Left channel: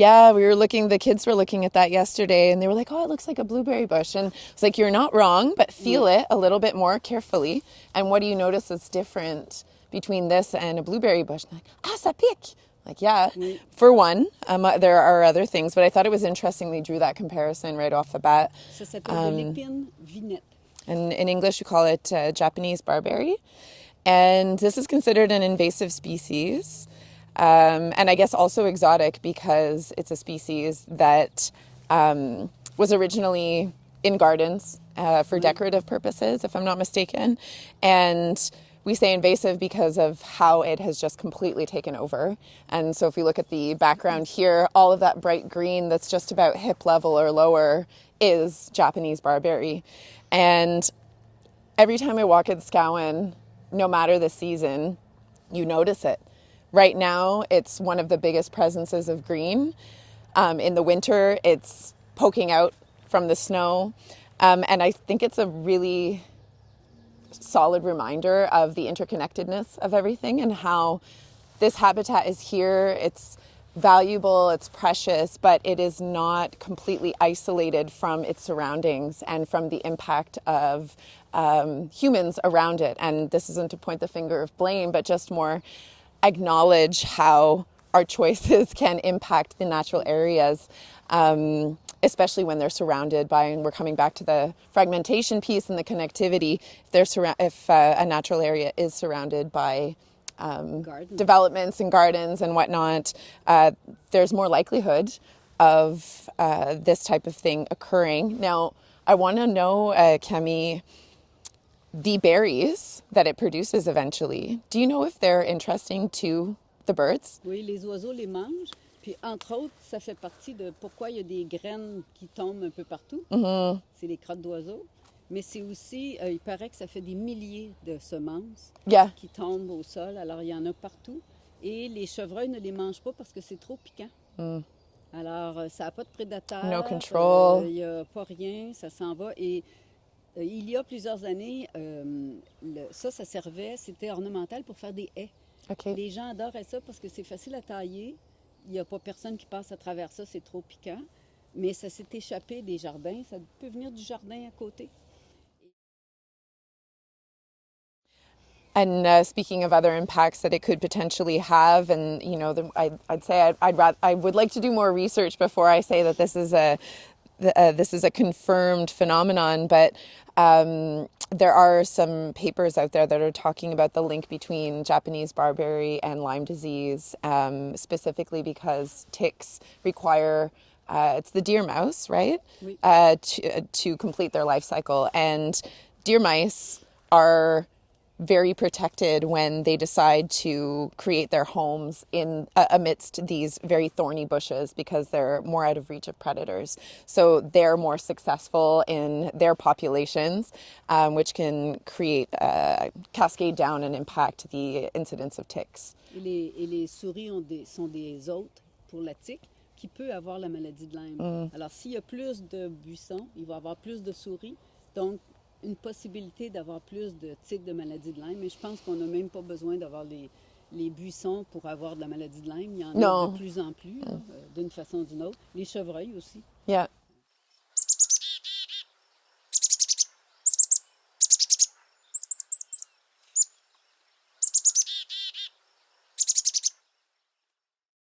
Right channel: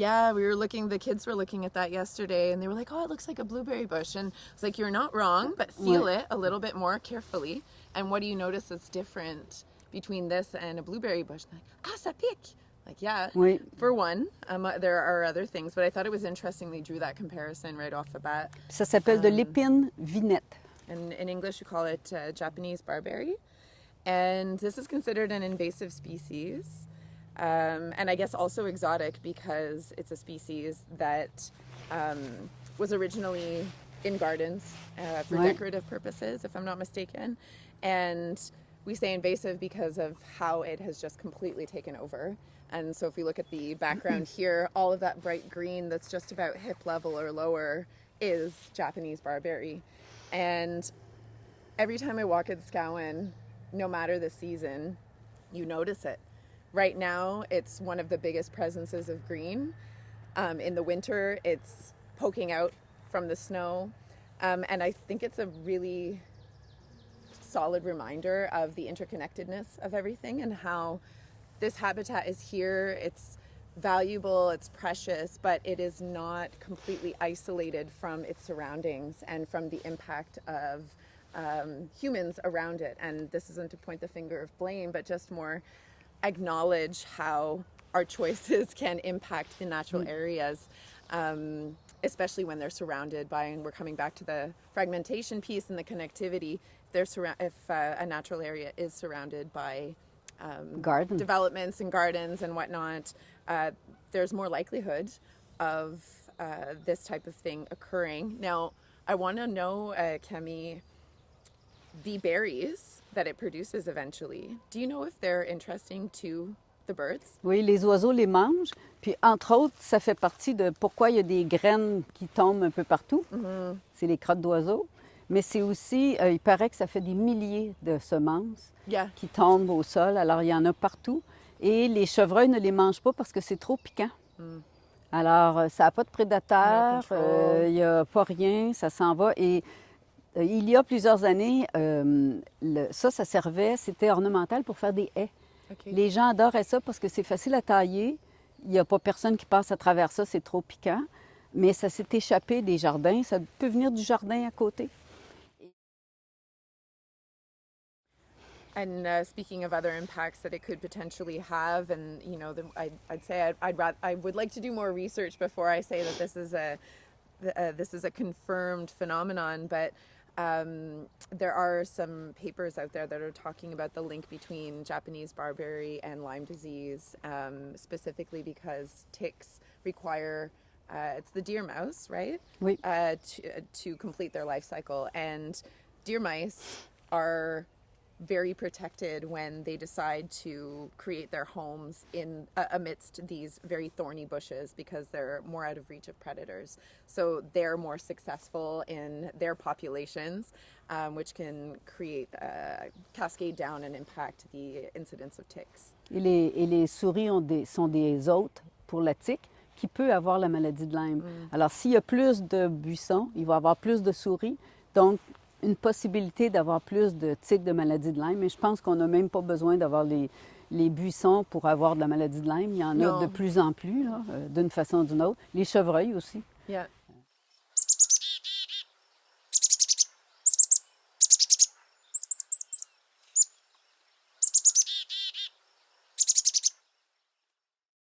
Yeah, the kids were looking at that yesterday and they were like, oh, it looks like a blueberry bush. And it's like, you're not wrong, but feel it a little bit more carefully. And what do you notice that's different between this and a blueberry bush? Like, ça pique. Like, yeah, for one, there are other things, but I thought it was interesting they drew that comparison right off the bat. Ça s'appelle de l'épine vinette. And in English, we call it Japanese Barberry. And this is considered an invasive species. And I guess also exotic because it's a species that was originally in gardens for decorative purposes, if I'm not mistaken. And we say invasive because of how it has just completely taken over. And so if we look at the background here, all of that bright green that's just about hip level or lower is Japanese barberry. And every time I walk in Scowen, no matter the season, you notice it. Right now, it's one of the biggest presences of green. In the winter, it's poking out from the snow. And I think it's a really solid reminder of the interconnectedness of everything and how this habitat is here. It's valuable, it's precious, but it is not completely isolated from its surroundings and from the impact of humans around it. And this isn't to point the finger of blame, but just more acknowledge how our choices can impact the natural areas, especially when they're surrounded by, and we're coming back to the fragmentation piece and the connectivity, if a natural area is surrounded by developments and gardens and whatnot, there's more likelihood of this type of thing occurring. Now, I want to know, Camille, the berries that it produces eventually, do you know if they're interesting to the birds? Oui, les oiseaux les mangent. Puis, entre autres, ça fait partie de pourquoi il y a des graines qui tombent un peu partout. Mm-hmm. C'est les crottes d'oiseaux. Mais c'est aussi, il paraît que ça fait des milliers de semences qui tombent au sol. Alors, il y en a partout. Et les chevreuils ne les mangent pas parce que c'est trop piquant. Mm. Alors, ça n'a pas de prédateurs. Il n'y a pas rien. Ça s'en va. Et il y a plusieurs années, ça servait, c'était ornemental pour faire des haies. Okay. Les gens adoraient ça parce que c'est facile à tailler. Il n'y a pas personne qui passe à travers ça, c'est trop piquant. Mais ça s'est échappé des jardins. Ça peut venir du jardin à côté. And speaking of other impacts that it could potentially have, and you know, I'd say I would like to do more research before I say that this is a confirmed phenomenon. But there are some papers out there that are talking about the link between Japanese barberry and Lyme disease, specifically because ticks require, it's the deer mouse, right? Oui. To complete their life cycle. And deer mice are very protected when they decide to create their homes in amidst these very thorny bushes because they're more out of reach of predators. So they're more successful in their populations, which can create cascade down and impact the incidence of ticks. Et les souris sont des hôtes pour la tique qui peut avoir la maladie de Lyme. Mm. Alors s'il y a plus de buissons, il va y avoir plus de souris. Donc une possibilité d'avoir plus de tiques de maladie de Lyme, mais je pense qu'on n'a même pas besoin d'avoir les buissons pour avoir de la maladie de Lyme. Il y en a de plus en plus, d'une façon ou d'une autre. Les chevreuils aussi. Yeah.